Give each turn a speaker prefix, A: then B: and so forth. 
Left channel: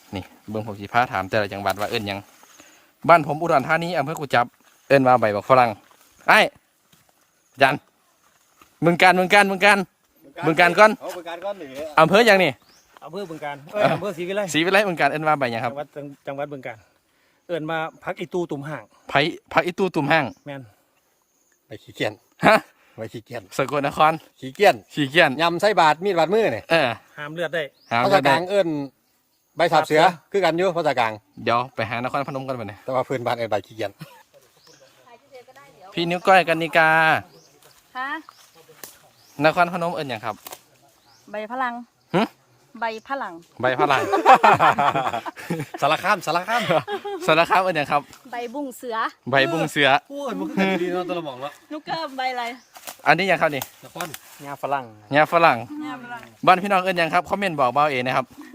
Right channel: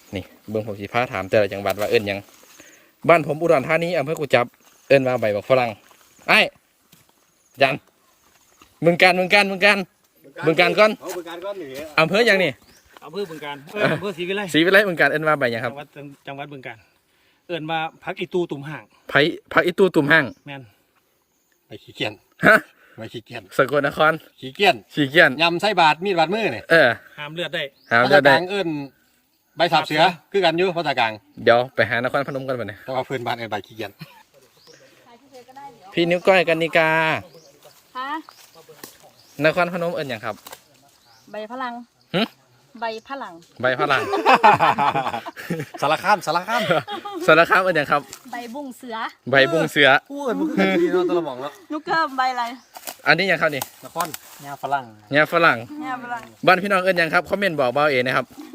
A: นี่เบิ่งผมสิพาถามแต่ละจังหวัดว่าเอิ้นหยังบ้านผมอุดรธานีอำเภอกุจับเอิ้นว่าใบบักฝรั่งไอ้ยันบึงการก่อน
B: บึงการก้อนหนึ่ง
A: อำเภอหยังนี่
B: อำเภอบึงการอำเภอศรีวิไล
A: ศรีวิไลบึงการเอิ้นว่าใบหยังครับ
B: จังหวัดบึงการเอิ้นว่าพักอีตูตุ่มห่าง
A: ผักอีตูตุ่มห้าง
B: แม่น
C: ไปขี้เกียจ
A: ฮะ
C: ไปขี้เกียจ
A: สกลนคร
C: ขี้เกียจ
A: ขี้เกียจ
C: ยำไส้บาดมีดบาดมือเนี่ย
B: ห้ามเลือดได้
A: หามจะได้
C: ภษกลางเอิ้นใบสับเสือคือกันอยู่ภาษากลาง
A: เดี๋ยวไปหานครพนมกันไปเนี่ย
C: แต่ว่าพื้นบ้านเอิ้นใบขี้เกียจ
A: พี่นิ้วก้อยกันนิกา
D: ฮะ
A: นครพนมเอิ้นหยังครับ
D: ใบพลัง
A: หึ
D: ใบพลัง
A: ใบฝรั่ง
C: สารคาม
A: สารคามเอิ้นหยังครับ
D: ใบบุ้งเสือ
A: ใบบุ้งเสือ
C: พูดมันคือกันดีเนาะตะละหมองเนาะ
D: ลูกเกิมใบอะไร
A: อันนี้หยังครับนี่
C: นคร
B: งาฝรั่ง
A: หญ้าฝรั่ง
D: เนี่ยฝรั่ง
A: บ้านพี่น้องเอิ้นหยังครับคอมเมนต์บอกเบาเอนะครับ